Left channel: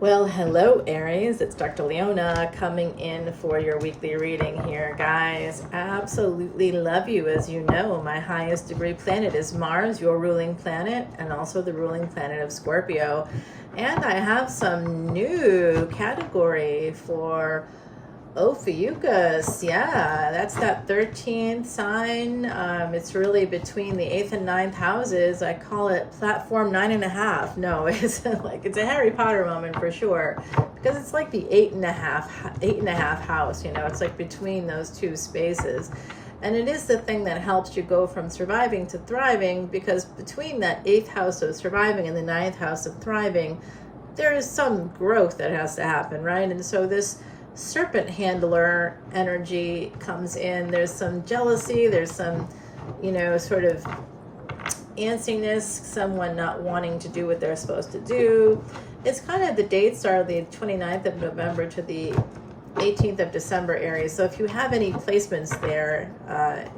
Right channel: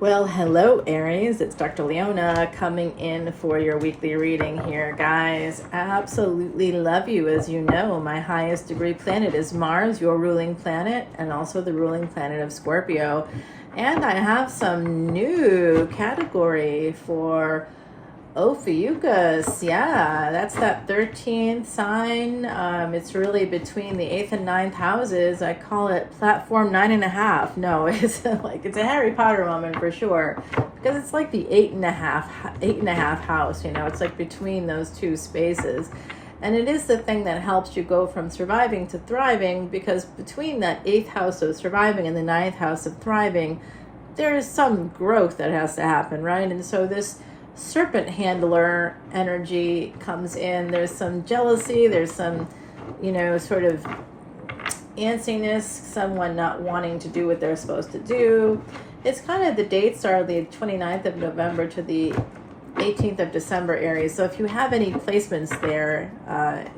Well, hello Aries, it's Dr. Leona coming in for your weekly reading here, guys. I absolutely love you. As you know, my highest degree planet is Mars, your ruling planet, and also the ruling planet of Scorpio. And I have some new category for Ophiuchus. Yeah, that's that 13th sign. It's really between the 8th and 9th houses. I call it platform 9.5. No, it's it's a Harry Potter moment for sure, because it's like the 8.5 house. You know, it's like between those two spaces. And it is the thing that helps you go from surviving to thriving, because between that 8th house of surviving and the 9th house of thriving, there is some growth that has to happen, right? And so this serpent handler energy comes in. There's some jealousy, there's some, you know, sort of antsiness, someone not wanting to do what they're supposed to do. It's kind of, the dates are the 29th of November to the 18th of December, Aries. So if you have any placements there,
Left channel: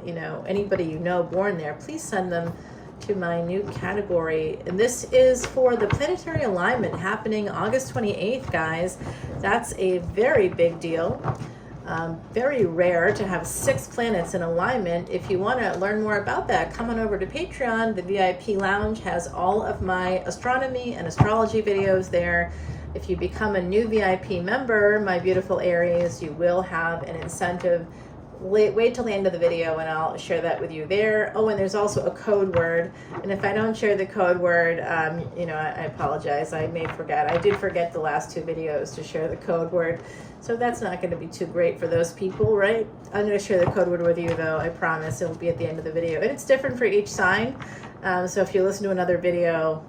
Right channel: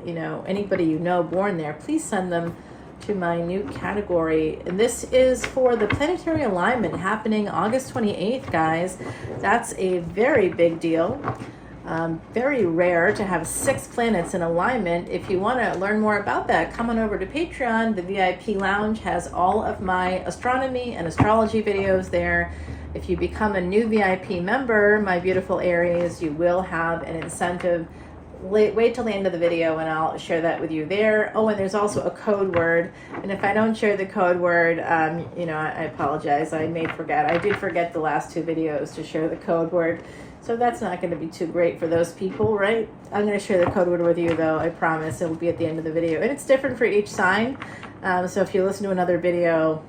you know, anybody you know born there, please send them to my new category. And this is for the planetary alignment happening August 28th, guys. That's a very big deal. Very rare to have 6 planets in alignment. If you want to learn more about that, come on over to Patreon. The VIP Lounge has all of my astronomy and astrology videos there. If you become a new VIP member, my beautiful Aries, you will have an incentive. Wait till the end of the video and I'll share that with you there. Oh, and there's also a code word. And if I don't share the code word, you know, I apologize. I may forget. I did forget the last 2 videos to share the code word. So that's not going to be too great for those people, right? I'm going to share the code word with you, though. I promise. It'll be at the end of the video. And it's different for each sign. So if you listen to another video,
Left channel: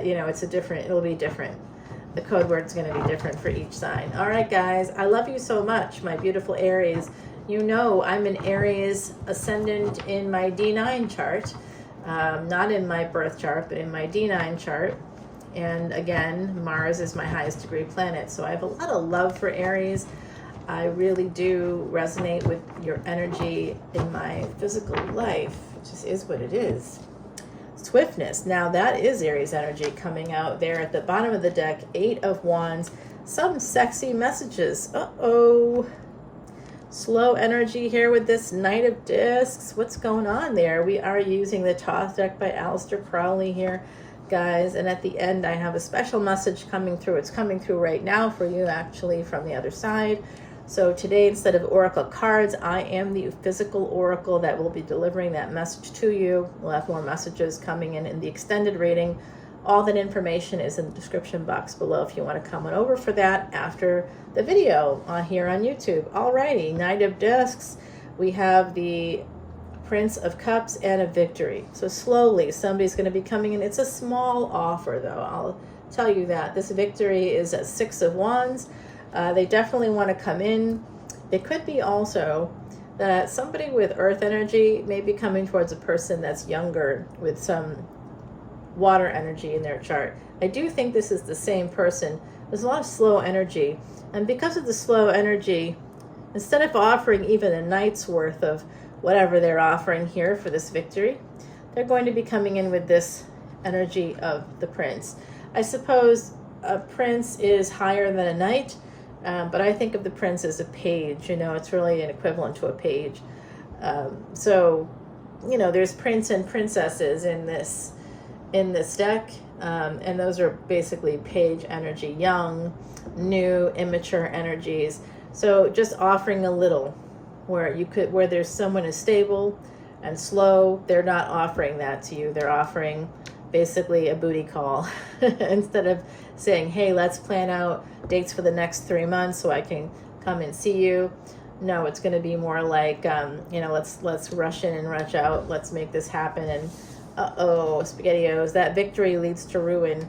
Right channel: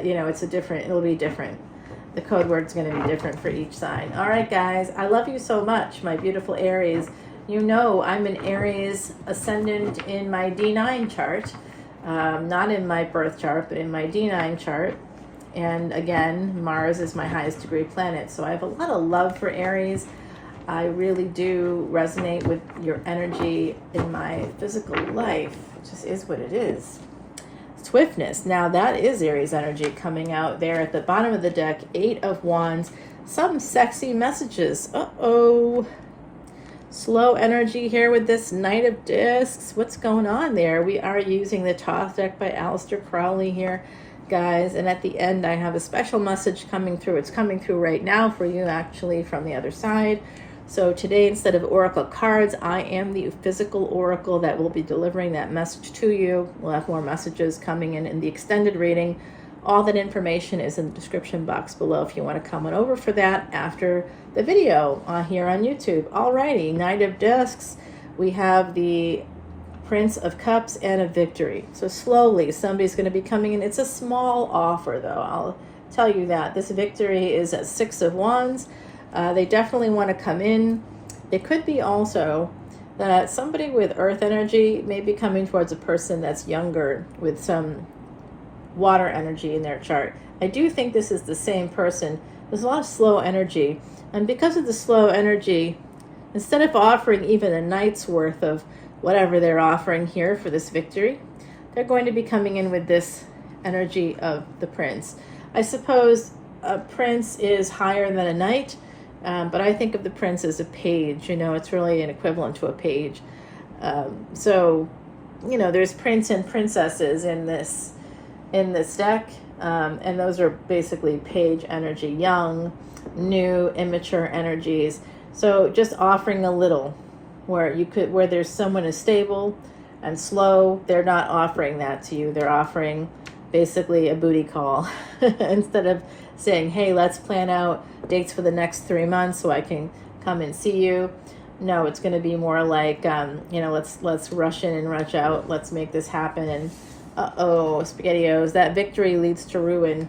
you know, it'll be different. The code word's going to be different for each sign. All right, guys. I love you so much, my beautiful Aries. You know, I'm an Aries ascendant in my D9 chart, not in my birth chart, but in my D9 chart. And again, Mars is my highest degree planet. So I have a lot of love for Aries. I really do resonate with your energy in my physical life. It just is what it is. Swiftness. Now that is Aries energy coming out there at the bottom of the deck. 8 of Wands. Some sexy messages. Uh-oh. Slow energy here with this Knight of Discs. What's going on there? We are using the Thoth deck by Aleister Crowley here, guys. And at the end, I have a special message coming through. It's coming through right now for you, actually, from the other side. So today, instead of oracle cards, I am the physical oracle that will be delivering that message to you. We'll have more messages coming in the extended reading. All that information is in the description box below if you want to come on over for that after the video here on YouTube. Alrighty, Knight of Discs. We have the Prince of Cups and a Victory. So slowly, somebody's going to be coming in. It's a small offer, though. I'll tell you that. This Victory is at 6 of Wands. They definitely want to come in. It could be also that somebody with Earth energy may be coming towards a person that's younger with some water energy in their chart. I do think this is the same person. There's a lot of slow energy, and because of the slow energy, instead of offering even a night's worth of whatever they're offering here for this Victory, they're going to be coming in with this energy of the Prince. I suppose a Prince is higher than a Knight, but I think of the Prince as a page. You know, it's really an equivalent to a page. So, you know, there's Prince and Princesses in this deck, and those are basically page energy, young, new, immature energies. So just offering a little, where there's someone is stable and slow, they're not offering that to you. They're offering basically a booty call instead of saying, hey, let's plan out dates for the next 3 months so I can come and see you. No, it's going to be more like, you know, let's rush in and rush out. Let's make this happen. And uh-oh, SpaghettiOs, that Victory leads to ruin.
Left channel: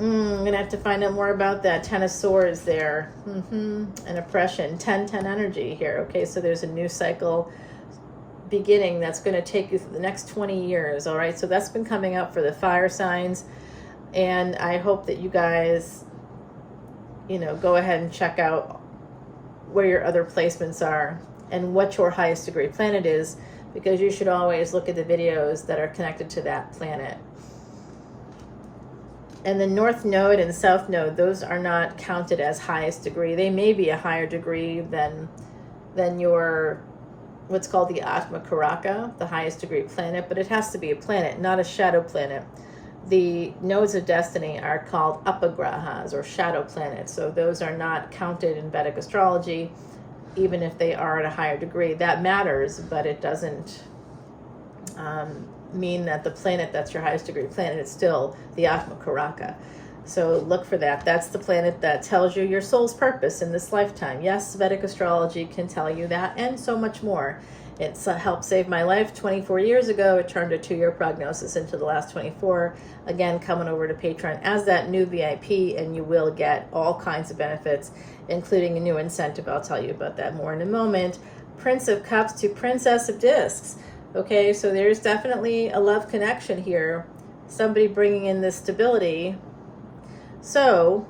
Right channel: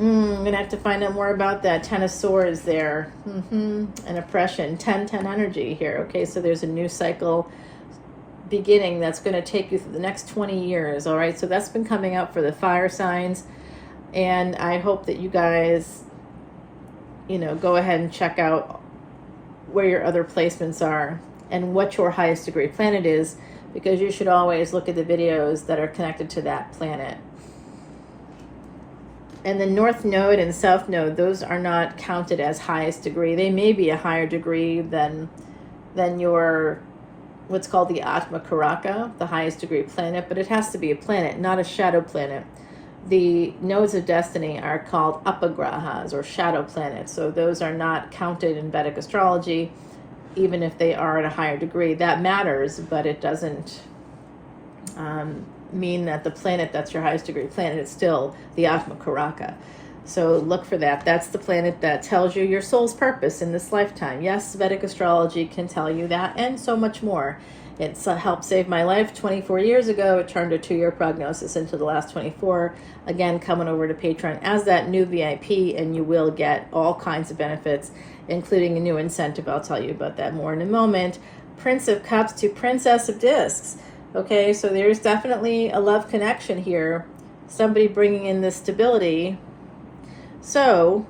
I'm going to have to find out more about that. 10 of Swords there. And oppression. 10-10 energy here. Okay, so there's a new cycle beginning that's going to take you through the next 20 years. All right, so that's been coming out for the fire signs. And I hope that you guys, you know, go ahead and check out where your other placements are and what your highest degree planet is, because you should always look at the videos that are connected to that planet. And the North Node and South Node, those are not counted as highest degree. They may be a higher degree than your, what's called the Atma Karaka, the highest degree planet, but it has to be a planet, not a shadow planet. The nodes of destiny are called apagrahas, or shadow planets. So those are not counted in Vedic astrology, even if they are at a higher degree. That matters, but it doesn't mean that the planet that's your highest degree planet is still the Atma Karaka. So look for that. That's the planet that tells you your soul's purpose in this lifetime. Yes, Vedic astrology can tell you that, and so much more. It's helped save my life 24 years ago. It turned a 2-year prognosis into the last 24. Again, coming over to Patreon as that new VIP, and you will get all kinds of benefits, including a new incentive. I'll tell you about that more in a moment. Prince of Cups to Princess of Discs. Okay, so there's definitely a love connection here. Somebody bringing in this stability. So,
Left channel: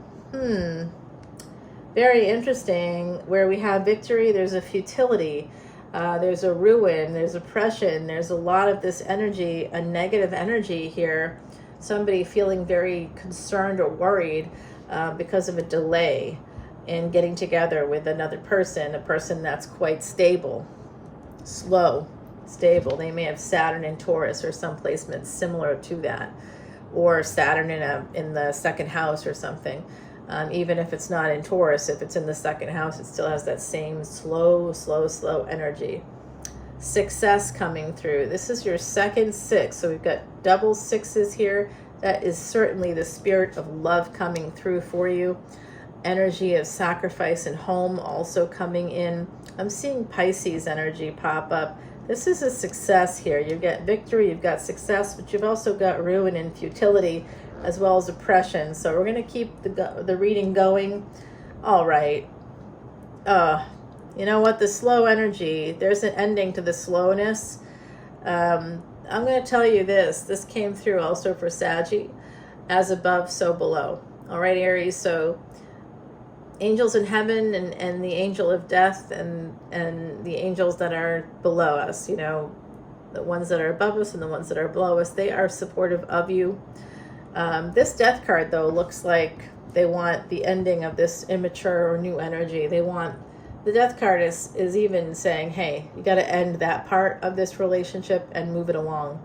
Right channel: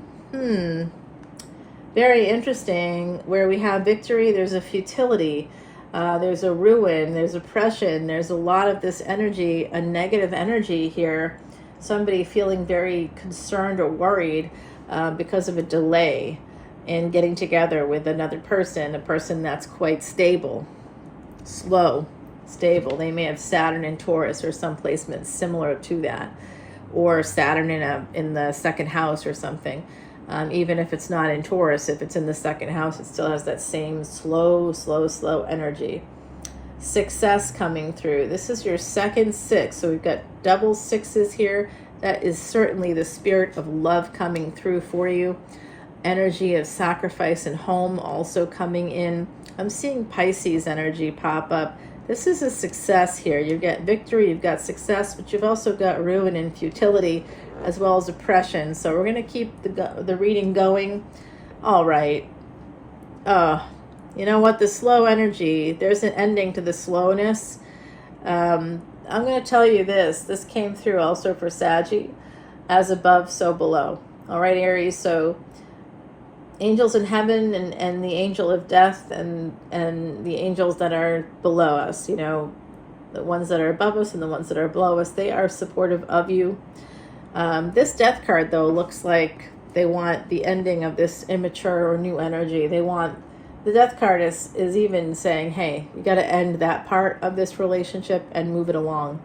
very interesting. Where we have victory, there's a futility. There's a ruin, there's oppression, there's a lot of this energy, a negative energy here. Somebody feeling very concerned or worried because of a delay in getting together with another person, a person that's quite stable, slow, stable. They may have Saturn in Taurus or some placement similar to that, or Saturn in the second house or something. Even if it's not in Taurus, if it's in the second house, it still has that same slow energy. Success coming through. This is your second 6, so we've got double 6s here. That is certainly the spirit of love coming through for you. Energy of sacrifice and home also coming in. I'm seeing Pisces energy pop up. This is a success here. You get victory, you've got success, but you've also got ruin and futility, as well as oppression. So we're going to keep the reading going. All right. You know what? The slow energy, there's an ending to the slowness. I'm going to tell you this. This came through also for Saggy. As above, so below. All right, Aries. So angels in heaven and the angel of death and the angels that are below us, you know, the ones that are above us and the ones that are below us, they are supportive of you. This death card, though, looks like they want the ending of this immature or new energy. They want, the death card is even saying, hey, you got to end that part of this relationship and move it along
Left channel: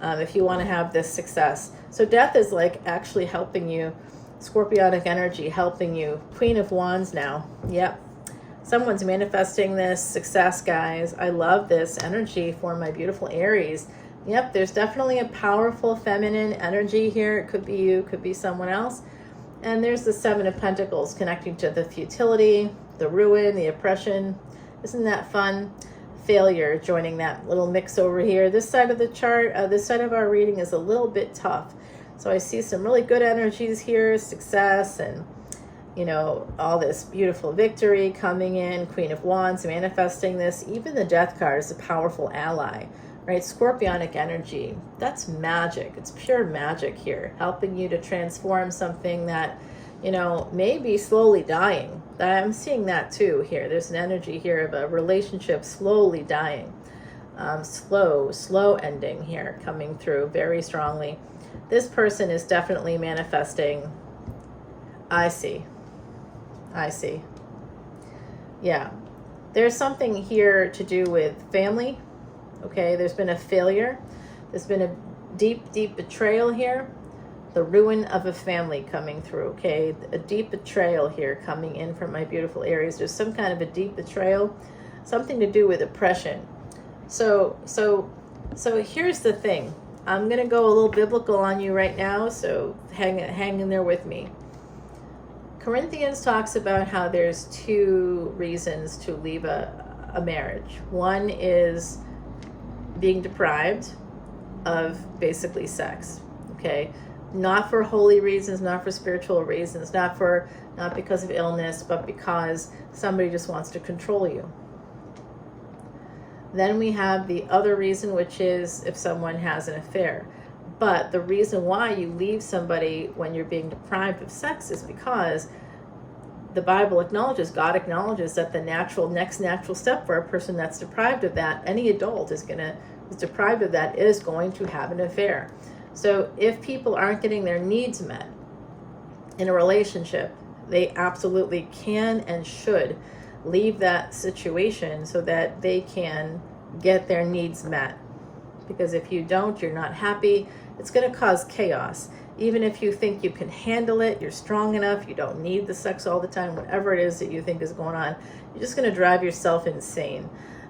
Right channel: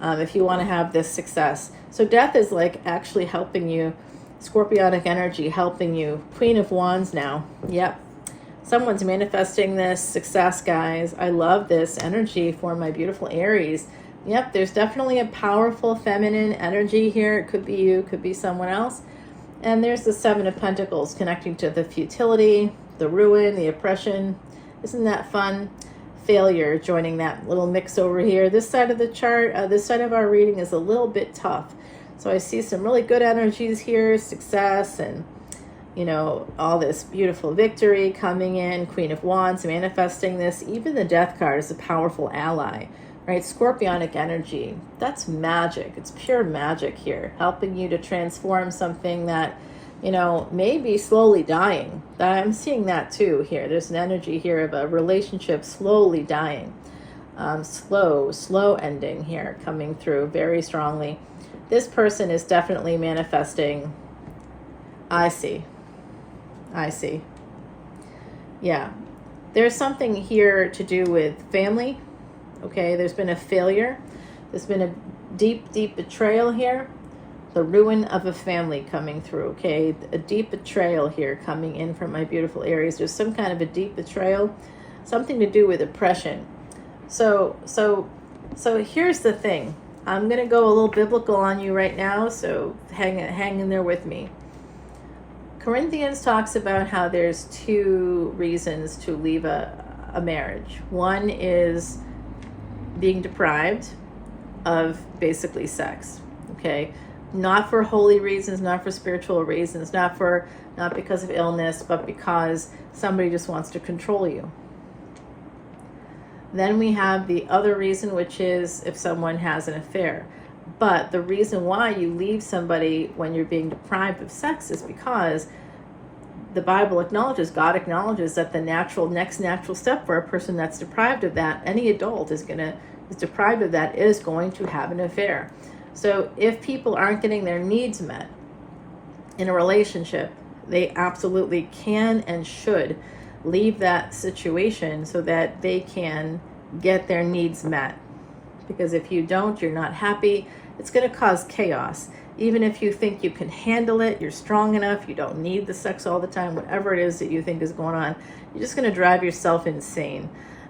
if you want to have this success. So death is like actually helping you, Scorpionic energy helping you. Queen of Wands now. Yep. Someone's manifesting this success, guys. I love this energy for my beautiful Aries. Yep, there's definitely a powerful feminine energy here. It could be you, could be someone else. And there's the 7 of Pentacles connecting to the futility, the ruin, the oppression. Isn't that fun? Failure joining that little mix over here. This side of the chart, this side of our reading is a little bit tough. So I see some really good energies here, success and, you know, all this beautiful victory coming in. Queen of Wands manifesting this. Even the death card is a powerful ally. Right, Scorpionic energy, that's magic. It's pure magic here, helping you to transform something that, you know, may be slowly dying. I'm seeing that too here. There's an energy here of a relationship slowly dying. Slow ending here coming through very strongly. This person is definitely manifesting. I see. Yeah, there's something here to do with family. Okay, there's been a failure. There's been a deep betrayal here. The ruin of a family coming through, okay? A deep betrayal here coming in from my beautiful Aries. There's some kind of a deep betrayal, something to do with oppression. So here's the thing. I'm going to go a little biblical on you right now, so hang in there with me. Corinthians talks about how there's 2 reasons to leave a marriage. One is being deprived of basically sex, okay? Not for holy reasons, not for spiritual reasons, not because of illness, but because somebody just wants to control you. Then we have the other reason, which is if someone has an affair. But the reason why you leave somebody when you're being deprived of sex is because the Bible acknowledges, God acknowledges that the next natural step for a person that's deprived of that, any adult is deprived of that, is going to have an affair. So if people aren't getting their needs met, in a relationship, they absolutely can and should leave that situation so that they can get their needs met. Because if you don't, you're not happy, it's going to cause chaos. Even if you think you can handle it, you're strong enough, you don't need the sex all the time, whatever it is that you think is going on, you're just going to drive yourself insane.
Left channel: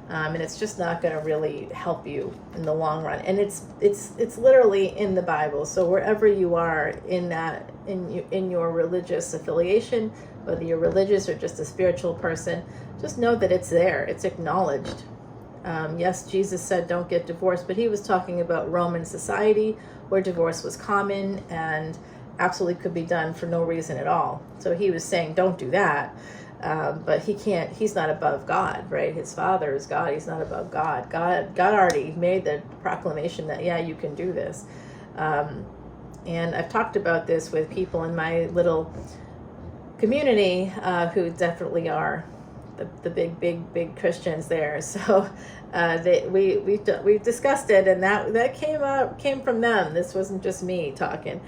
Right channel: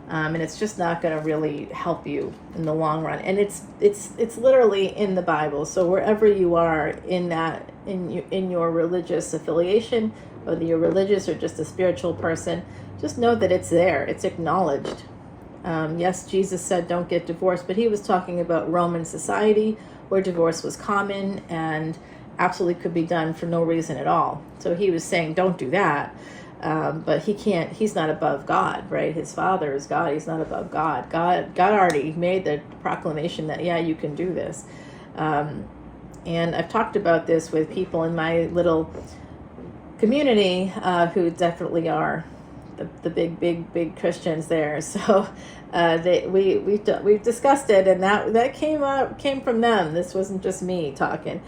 And it's just not going to really help you in the long run. And it's literally in the Bible. So wherever you are in that, in your religious affiliation, whether you're religious or just a spiritual person, just know that it's there. It's acknowledged. Yes, Jesus said don't get divorced, but he was talking about Roman society where divorce was common and absolutely could be done for no reason at all. So he was saying don't do that. But he's not above God, right? His Father is God. He's not above God. God already made the proclamation that, yeah, you can do this. And I've talked about this with people in my little community who definitely are the big Christians there. So we've discussed it, and that came from them. This wasn't just me talking.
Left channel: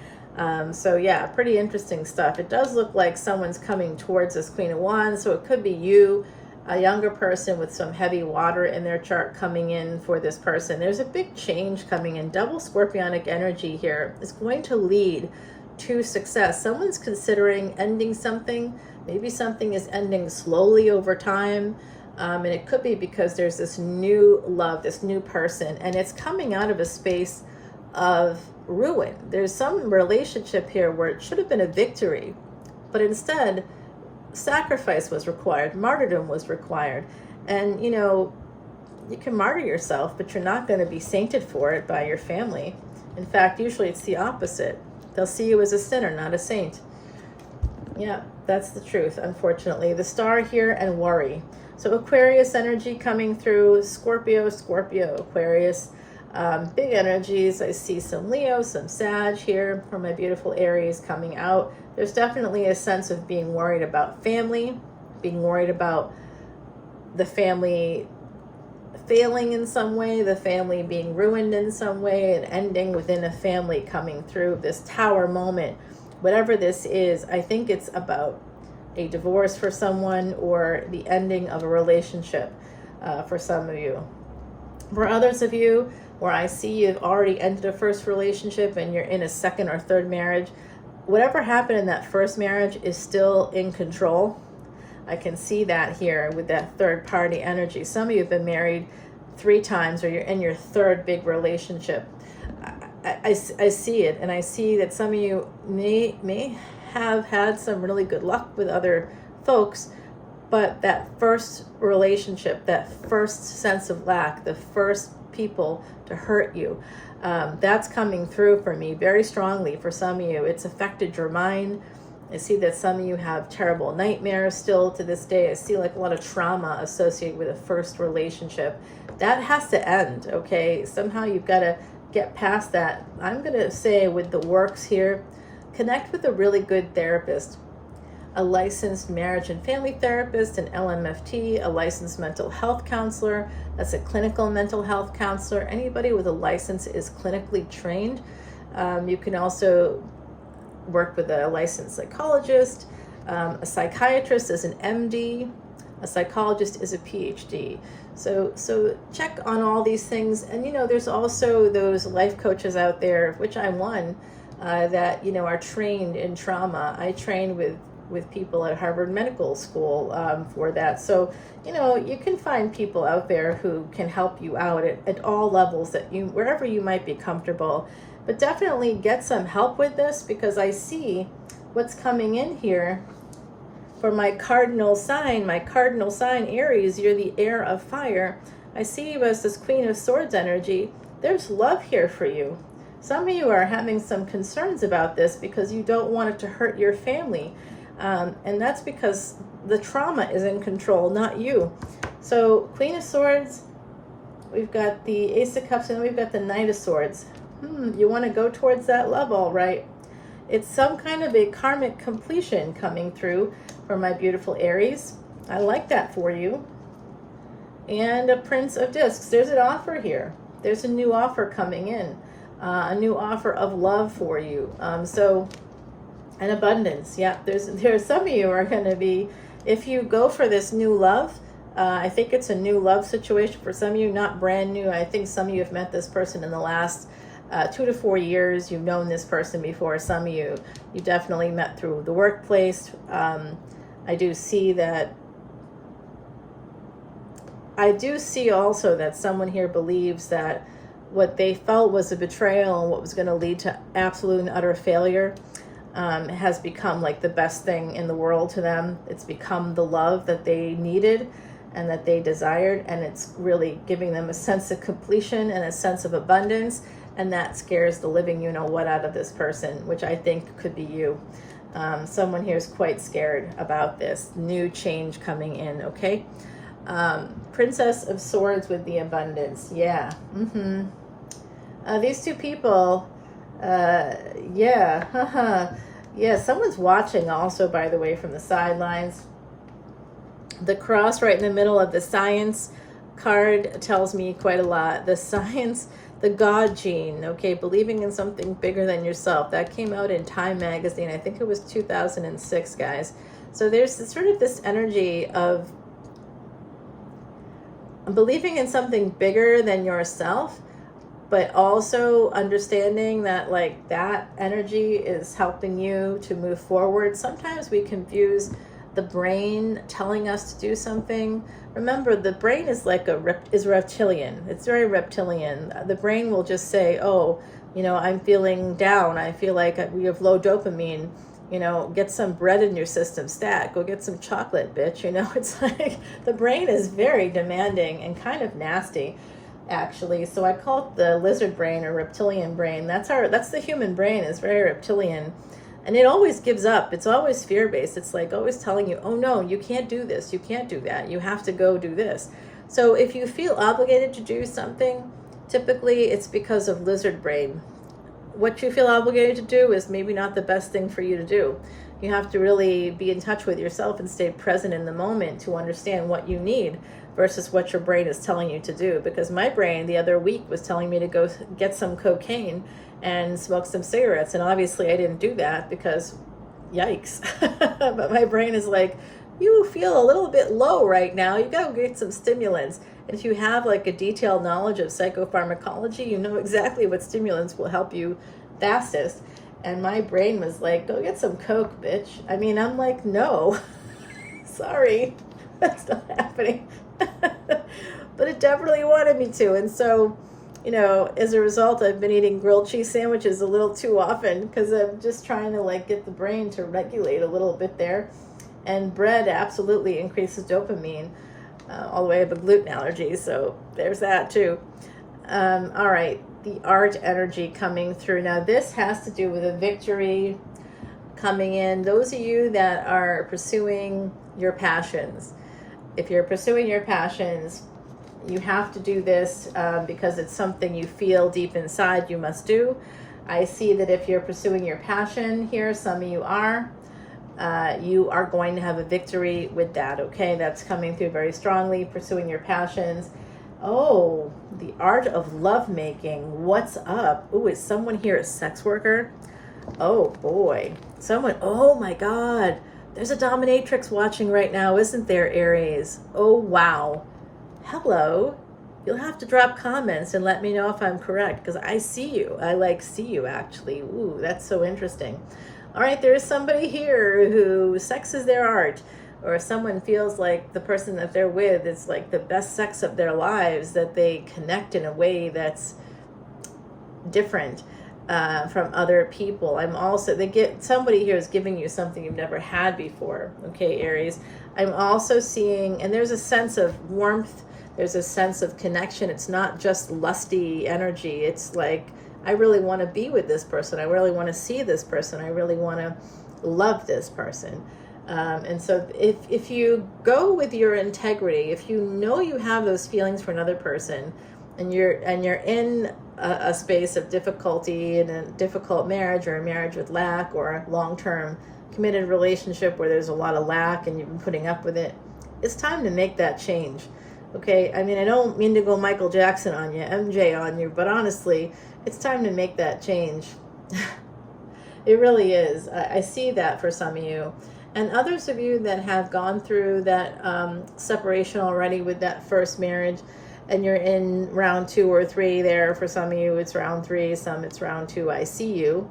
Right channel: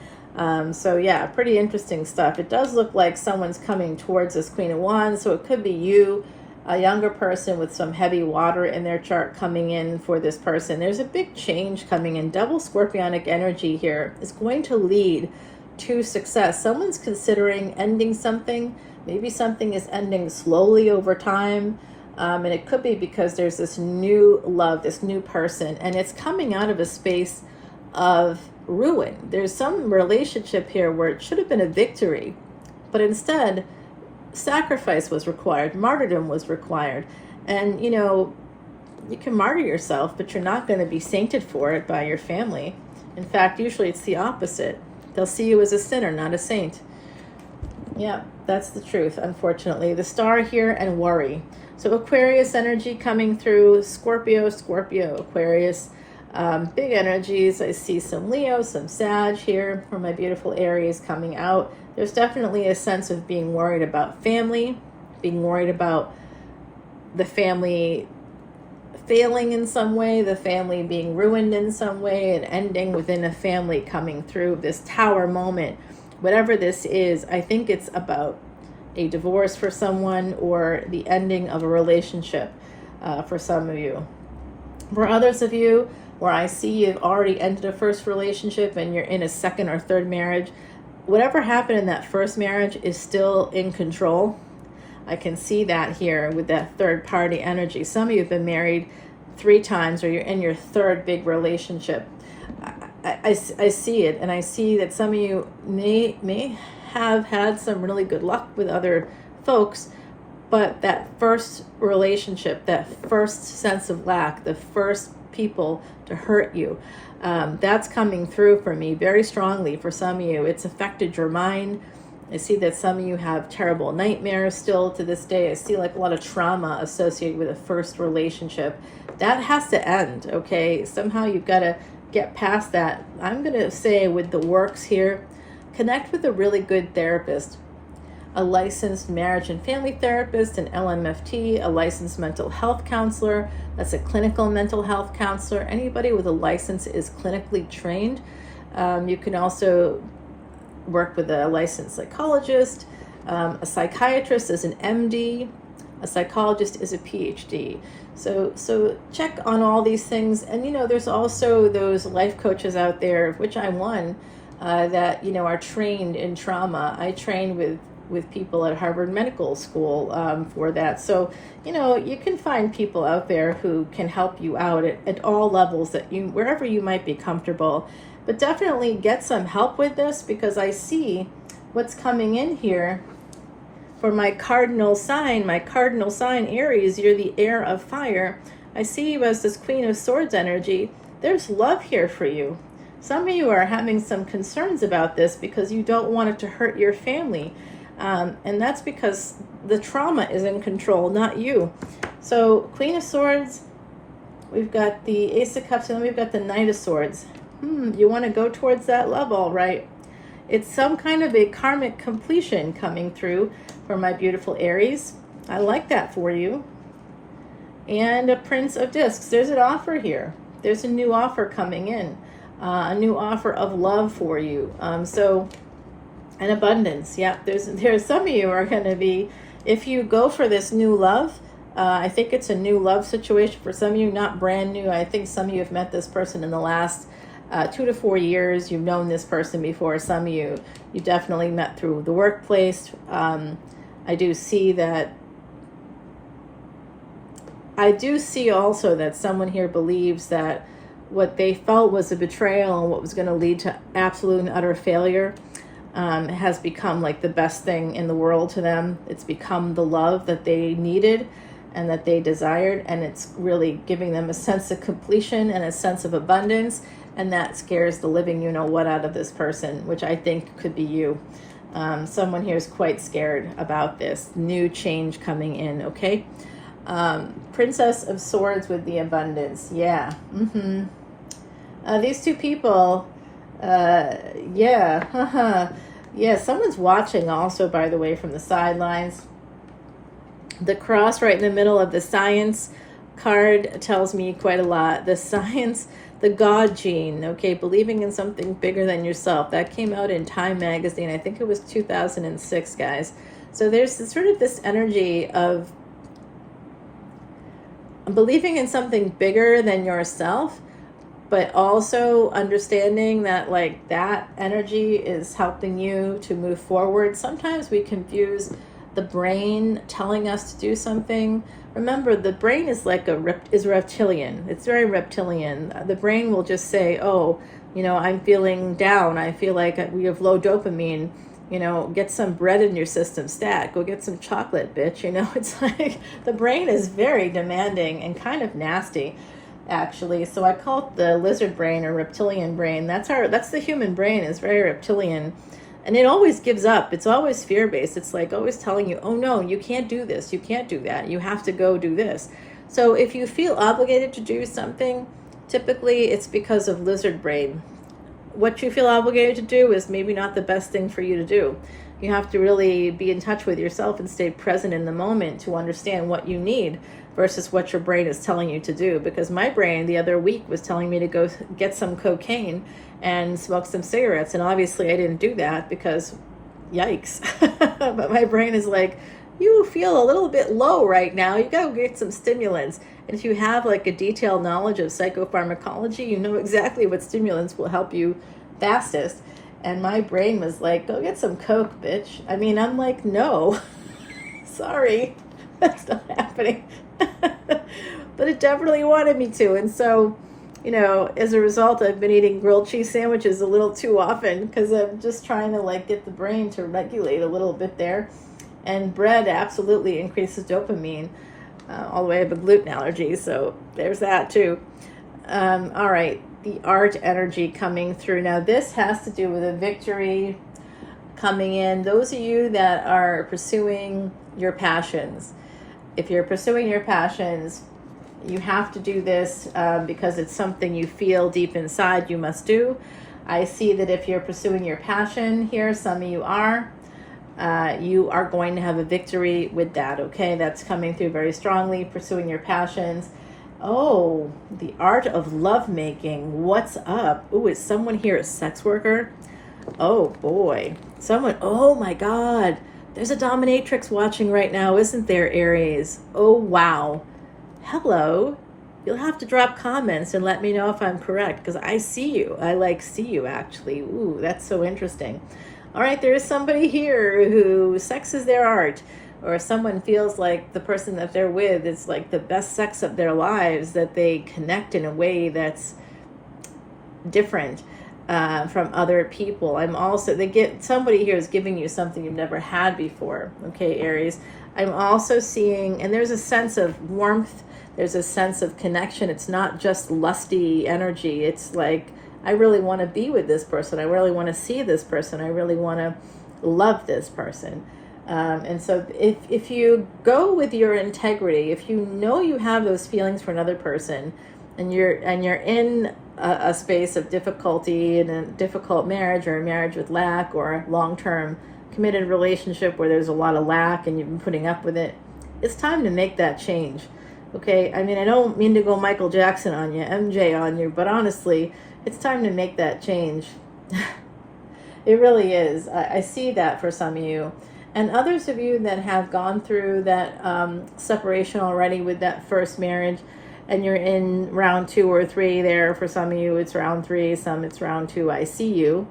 So yeah, pretty interesting stuff. It does look like someone's coming towards this Queen of Wands, so it could be you, a younger person with some heavy water in their chart coming in for this person. There's a big change coming in. Double scorpionic energy here is going to lead to success. Someone's considering ending something. Maybe something is ending slowly over time. And it could be because there's this new love, this new person, and it's coming out of a space of ruin. There's some relationship here where it should have been a victory, but instead sacrifice was required, martyrdom was required. And you can martyr yourself, but you're not going to be sainted for it by your family. In fact, usually it's the opposite. They'll see you as a sinner, not a saint. Yeah, that's the truth, unfortunately. The star here and worry. So Aquarius energy coming through, Scorpio, Aquarius. Big energies. I see some Leo, some Sag here for my beautiful Aries coming out. There's definitely a sense of being worried about family, being worried about the family failing in some way, the family being ruined in some way, and ending within a family coming through this tower moment. Whatever this is, I think it's about a divorce for someone or the ending of a relationship for some of you. For others of you, where I see you've already ended a first relationship and you're in a second or third marriage, whatever happened in that first marriage is still in control. I can see that here with that third party energy. Some of you have been married 3 times, or you're in your third big relationship. I see it, and I see that some of you may have had some really good luck with other folks, but that first relationship, that first sense of lack, the first people to hurt you, that's coming through for me very strongly. For some of you, it's affected your mind. I see that some of you have terrible nightmares still to this day. I see like a lot of trauma associated with a first relationship. That has to end, okay? Somehow you've got to get past that. I'm going to say with the works here, connect with a really good therapist, a licensed marriage and family therapist, an LMFT, a licensed mental health counselor. That's a clinical mental health counselor. Anybody with a license is clinically trained. You can also work with a licensed psychologist. A psychiatrist is an MD. A psychologist is a PhD. So check on all these things. And there's also those life coaches out there, which I'm one, that are trained in trauma. I trained with people at Harvard Medical School for that. So you can find people out there who can help you out at all levels, wherever you might be comfortable. But definitely get some help with this, because I see what's coming in here for my cardinal sign. My cardinal sign, Aries, you're the heir of fire. I see you as this Queen of Swords energy. There's love here for you. Some of you are having some concerns about this because you don't want it to hurt your family. And that's because the trauma is in control, not you. So Queen of Swords, we've got the Ace of Cups, and then we've got the Knight of Swords. You want to go towards that love, all right. It's some kind of a karmic completion coming through for my beautiful Aries. I like that for you. And a Prince of Discs. There's an offer here. There's a new offer coming in. A new offer of love for you. So And abundance. Yeah, there's some of you are going to be, if you go for this new love, I think it's a new love situation for some of you, not brand new. I think some of you have met this person in the last 2 to 4 years. You've known this person before. Some of you definitely met through the workplace. I do see that. I do see also that someone here believes that what they felt was a betrayal and what was going to lead to absolute and utter failure has become like the best thing in the world to them. It's become the love that they needed and that they desired, and it's really giving them a sense of completion and a sense of abundance, and that scares the living you-know-what out of this person, which I think could be you. Someone here is quite scared about this new change coming in, okay? Princess of Swords with the abundance. Yeah. These two people, yeah. Yeah, someone's watching also, by the way, from the sidelines. The cross right in the middle of the science card tells me quite a lot. The science, the God gene, okay, believing in something bigger than yourself. That came out in Time magazine. I think it was 2006, guys. So there's sort of this energy of believing in something bigger than yourself, but also understanding that like that energy is helping you to move forward. Sometimes we confuse the brain telling us to do something. Remember, the brain is like is reptilian. It's very reptilian. The brain will just say, oh, you know, I'm feeling down. I feel like we have low dopamine. You know, get some bread in your system, stat. Go get some chocolate, bitch. You know, it's like the brain is very demanding and kind of nasty, actually. So I call it the lizard brain or reptilian brain. That's the human brain, is very reptilian. And it always gives up. It's always fear-based. It's like always telling you, oh no, you can't do this. You can't do that. You have to go do this. So if you feel obligated to do something, typically it's because of lizard brain. What you feel obligated to do is maybe not the best thing for you to do. You have to really be in touch with yourself and stay present in the moment to understand what you need versus what your brain is telling you to do. Because my brain the other week was telling me to go get some cocaine and smoke some cigarettes. And obviously I didn't do that because yikes. But my brain is like, you feel a little bit low right now. You gotta get some stimulants. And if you have like a detailed knowledge of psychopharmacology, you know exactly what stimulants will help you fastest. And my brain was like, go get some coke, bitch. I mean, I'm like, no, sorry, that's not happening. But it definitely wanted me to. And so, you know, as a result, I've been eating grilled cheese sandwiches a little too often because I'm just trying to like get the brain to regulate a little bit there. And bread absolutely increases dopamine, all the way up a gluten allergy. So there's that too. All right, the art energy coming through. Now this has to do with a victory coming in. Those of you that are pursuing your passions, if you're pursuing your passions, you have to do this because it's something you feel deep inside you must do. I see that if you're pursuing your passion here, some of you are going to have a victory with that, okay? That's coming through very strongly, pursuing your passions. Oh, the art of lovemaking. What's up? Ooh, is someone here a sex worker? Oh boy. Oh my God. There's a dominatrix watching right now, isn't there, Aries? Oh, wow. Hello. You'll have to drop comments and let me know if I'm correct, because I see you. I see you actually. Ooh, that's so interesting. All right, there is somebody here who sex is their art, or someone feels like the person that they're with is like the best sex of their lives, that they connect in a way that's different from other people. Somebody here is giving you something you've never had before. Okay, Aries. I'm also seeing, and there's a sense of warmth, there's a sense of connection. It's not just lusty energy. It's like, I really want to be with this person. I really want to see this person. I really want to love this person. And so if you go with your integrity, if you know you have those feelings for another person, and you're in a space of difficulty in a difficult marriage, or a marriage with lack, or a long-term committed relationship where there's a lot of lack and you've been putting up with it, it's time to make that change. Okay, I mean, I don't mean to go Michael Jackson on you, MJ on you, but honestly, it's time to make that change. It really is. I see that for some of you. And others of you that have gone through that separation already with that first marriage, and you're in round 2 or 3 there. For some of you, it's round 3, some it's round 2. I see you,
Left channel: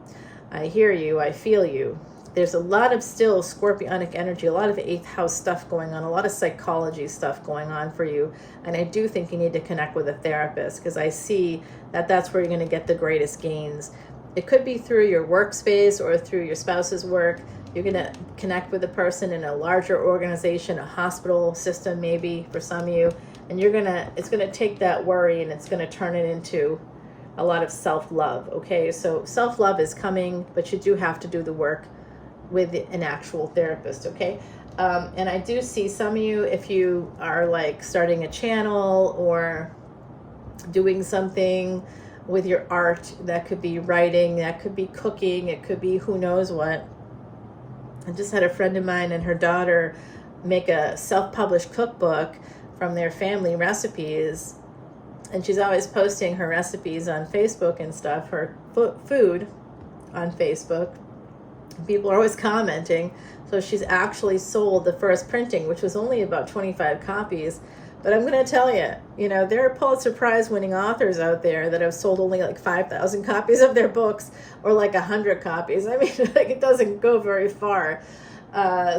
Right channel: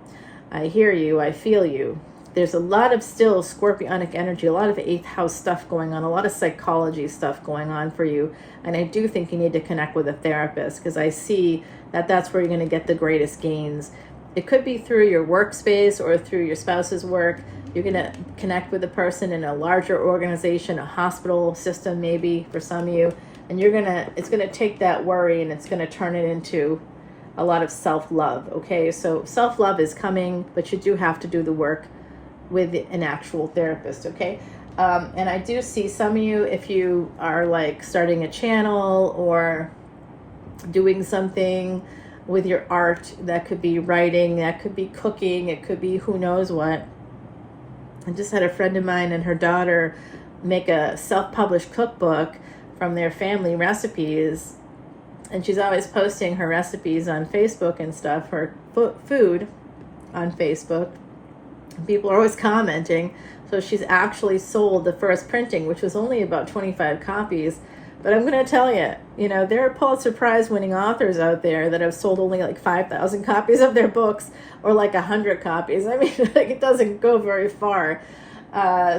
I hear you, I feel you. There's a lot of still scorpionic energy, a lot of 8th house stuff going on, a lot of psychology stuff going on for you. And I do think you need to connect with a therapist, because I see that that's where you're going to get the greatest gains. It could be through your workspace or through your spouse's work. You're going to connect with a person in a larger organization, a hospital system maybe for some of you. And it's going to take that worry and it's going to turn it into a lot of self-love. Okay, so self-love is coming, but you do have to do the work with an actual therapist. Okay, and I do see some of you, if you are like starting a channel or doing something with your art, that could be writing, that could be cooking, it could be who knows what. I just had a friend of mine and her daughter make a self-published cookbook from their family recipes, and she's always posting her recipes on Facebook and stuff, her food on Facebook. People are always commenting. So she's actually sold the first printing, which was only about 25 copies. But I'm going to tell you, you know, there are Pulitzer Prize winning authors out there that have sold only like 5,000 copies of their books, or like 100 copies. I mean, it doesn't go very far.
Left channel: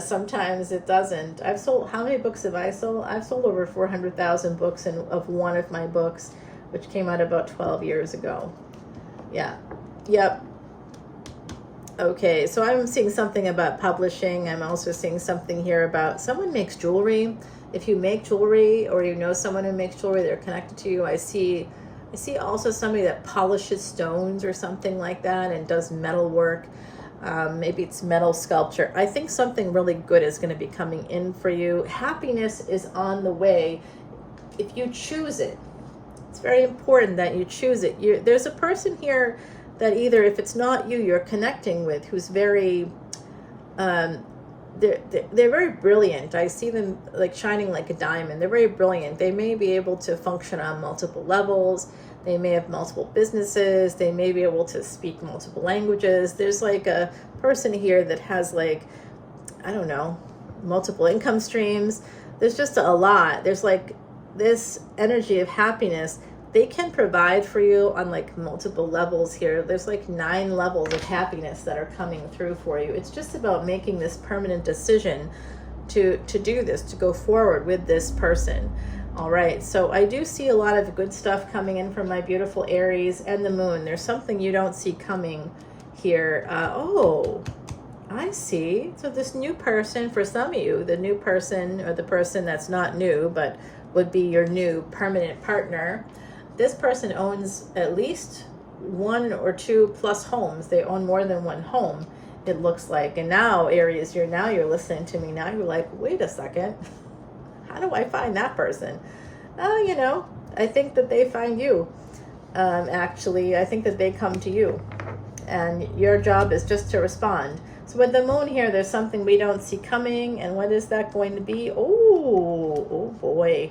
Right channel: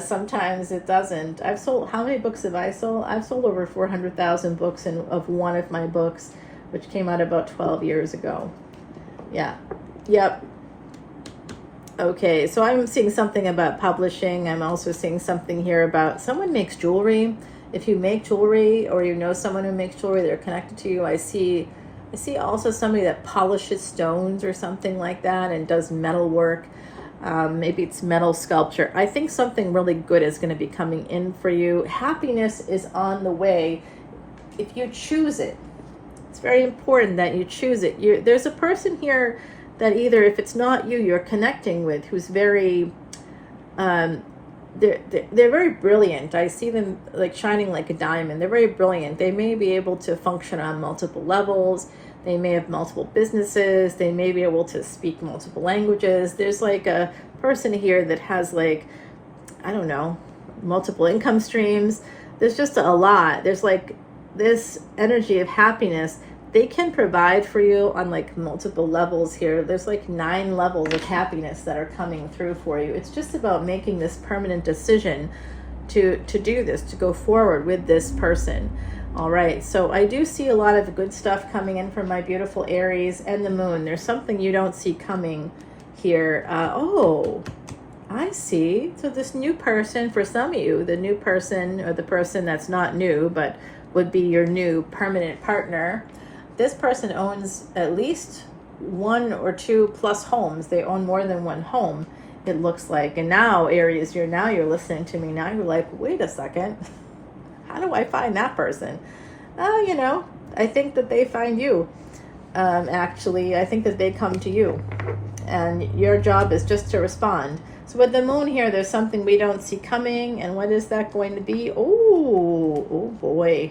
Sometimes it doesn't. I've sold, how many books have I sold? I've sold over 400,000 books of one of my books, which came out about 12 years ago. Yeah. Yep. Okay, so I'm seeing something about publishing. I'm also seeing something here about someone makes jewelry. If you make jewelry, or you know someone who makes jewelry, they're connected to you. I see also somebody that polishes stones or something like that and does metal work. Maybe it's metal sculpture. I think something really good is going to be coming in for you. Happiness is on the way if you choose it. It's very important that you choose it. There's a person here that either, if it's not you, you're connecting with, who's very, they're very brilliant. I see them like shining like a diamond. They're very brilliant. They may be able to function on multiple levels. They may have multiple businesses. They may be able to speak multiple languages. There's like a person here that has like, I don't know, multiple income streams. There's just a lot. There's like this energy of happiness. They can provide for you on like multiple levels here. There's like 9 levels of happiness that are coming through for you. It's just about making this permanent decision to do this, to go forward with this person. All right, so I do see a lot of good stuff coming in from my beautiful Aries and the moon. There's something you don't see coming here. Oh, I see. So this new person, for some of you, the new person, or the person that's not new, but would be your new permanent partner. This person owns at least 1 or 2 plus homes. They own more than 1 home, it looks like. And now, Aries, you're listening to me. Now you're like, wait a second. How do I find that person? Oh, you know, I think that they find you. Actually, I think that they come to you. And your job is just to respond. So with the moon here, there's something we don't see coming. And what is that going to be? Oh boy.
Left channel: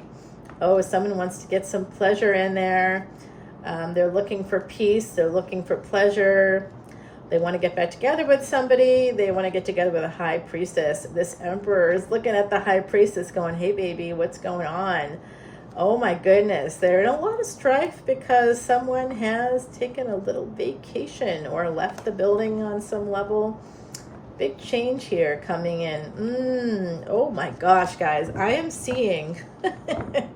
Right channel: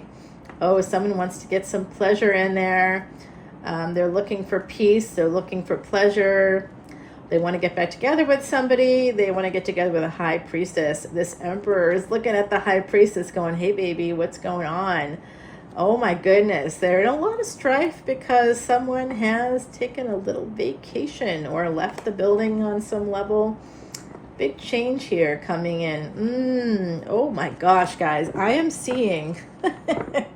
Oh, someone wants to get some pleasure in there. They're looking for peace. They're looking for pleasure. They want to get back together with somebody. They want to get together with a high priestess. This emperor is looking at the high priestess going, hey, baby, what's going on? Oh, my goodness. They're in a lot of strife because someone has taken a little vacation or left the building on some level. Big change here coming in. Oh, my gosh, guys. I am seeing...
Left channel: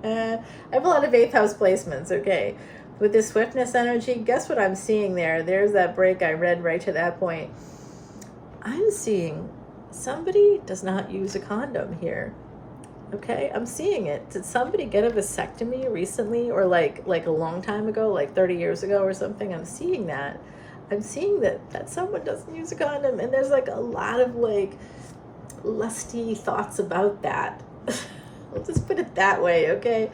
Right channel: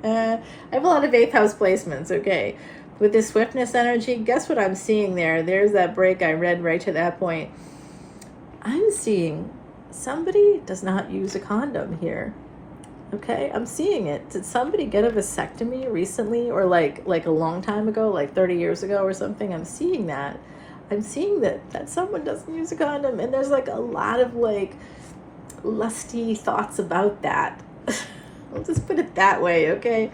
I have a lot of 8th house placements, okay? With this swiftness energy, guess what I'm seeing there? There's that break I read right to that point. I'm seeing somebody does not use a condom here. Okay, I'm seeing it. Did somebody get a vasectomy recently, or like a long time ago, like 30 years ago or something? I'm seeing that. I'm seeing that someone doesn't use a condom, and there's like a lot of like lusty thoughts about that. I'll just put it that way, okay?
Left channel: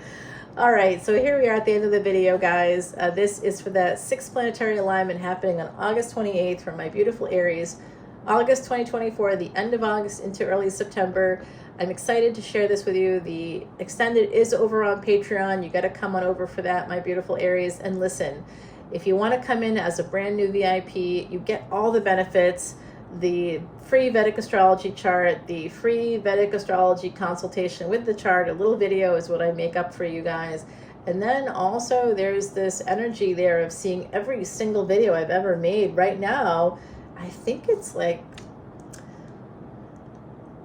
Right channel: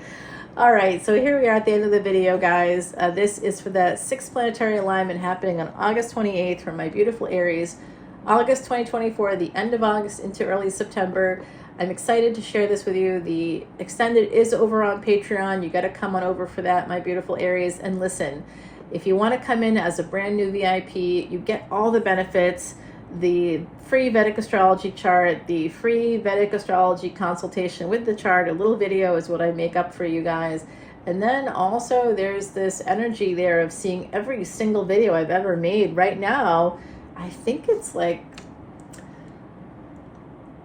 All right, so here we are at the end of the video, guys. This is for the 6th planetary alignment happening on August 28th for my beautiful Aries. August 2024, the end of August into early September. I'm excited to share this with you. The extended is over on Patreon. You got to come on over for that, my beautiful Aries. And listen, If you want to come in as a brand new VIP, you get all the benefits, the free Vedic astrology chart, the free Vedic astrology consultation with the chart, a little video is what I make up for you guys. And then also there's this energy there of seeing every single video I've ever made. Right now, I think it's like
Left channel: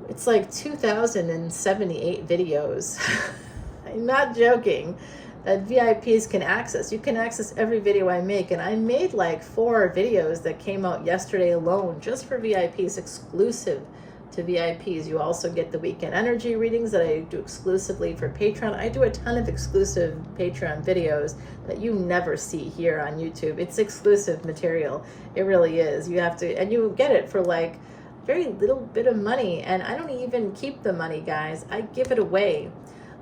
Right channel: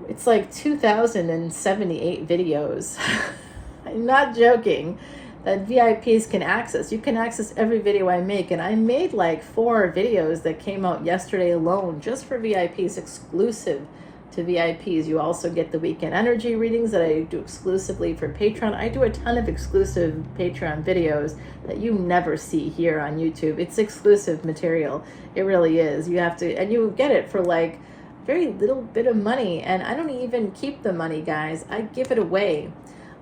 2,078 videos. I'm not joking, that VIPs can access. You can access every video I make, and I made like 4 videos that came out yesterday alone just for VIPs, exclusive to VIPs. You also get the weekend energy readings that I do exclusively for Patreon. I do a ton of exclusive Patreon videos that you never see here on YouTube. It's exclusive material. It really is. You have to, and you get it for like very little bit of money, and I don't even keep the money, guys. I give it away.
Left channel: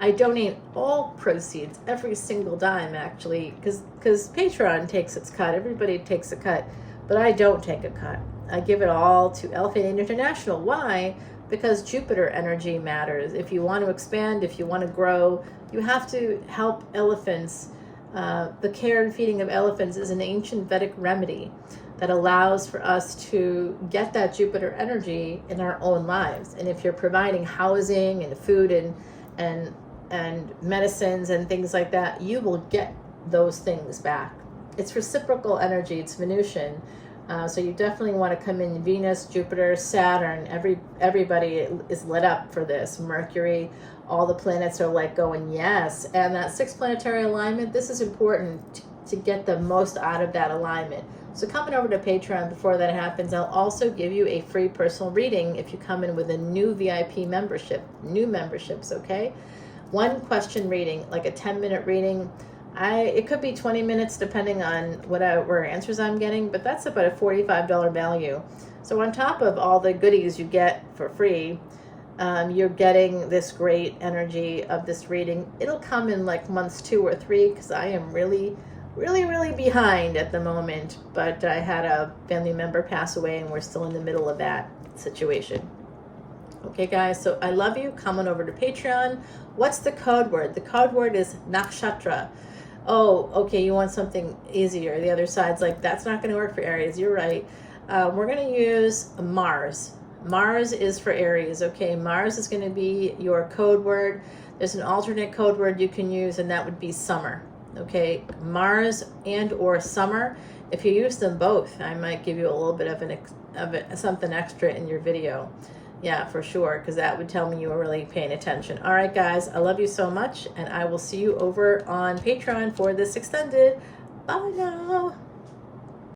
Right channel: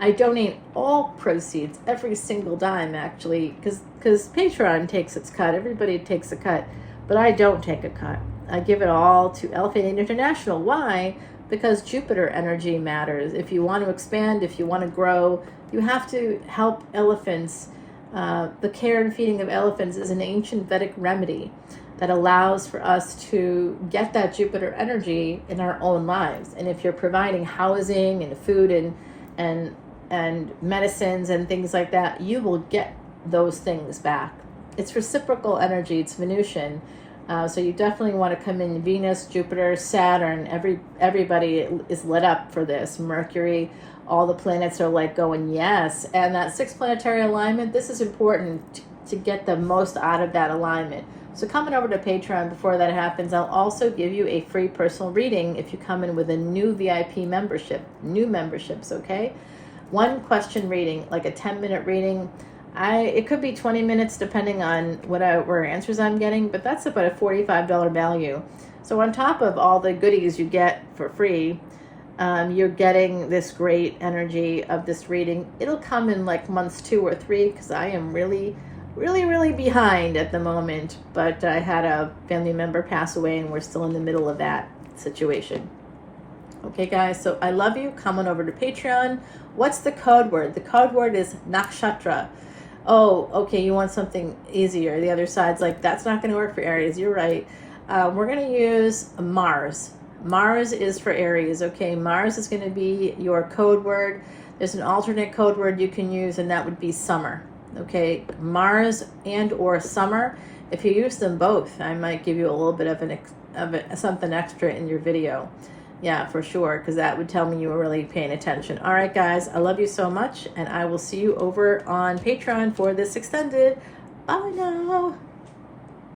I donate all proceeds, every single dime, actually, because Patreon takes its cut. Everybody takes a cut, but I don't take a cut. I give it all to Elephant International. Why? Because Jupiter energy matters. If you want to expand, if you want to grow, you have to help elephants. The care and feeding of elephants is an ancient Vedic remedy that allows for us to get that Jupiter energy in our own lives. And if you're providing housing and food and medicines and things like that, you will get those things back. It's reciprocal energy. It's Venusian. So you definitely want to come in. Venus, Jupiter, Saturn, everybody is lit up for this. Mercury, all the planets are like going, yes. And that 6 planetary alignment, this is important to get the most out of that alignment. So coming over to Patreon, before that happens, I'll also give you a free personal reading if you come in with a new VIP membership, new memberships, okay? 1 question reading, like a 10-minute reading. It could be 20 minutes depending on whatever answers I'm getting, but that's about a $45 value. So on top of all the goodies you get for free, you're getting this great energy of this reading. It'll come in like months 2 or 3 because I am really behind at the moment, but I had a family member pass away and we're still in the middle of that situation. Okay, guys, so I love you. Come on over to Patreon. What's the code word? The code word is nakshatra. Oh, okay, you want something easier. The other side's like, that's not going to work for Aries. You're right. We're going to use Mars. Mars is for Aries, okay? Mars is going to be your code word. There's an alternate code word you can use, and that would be summer, okay? Mars and or summer. If you use them both, I might give you a little bit of something extra in your video. Yeah, for sure, because that would tell me you were really paying attention. All right, guys, I love you so much, and I will see you over on Patreon for this extended. Oh, no.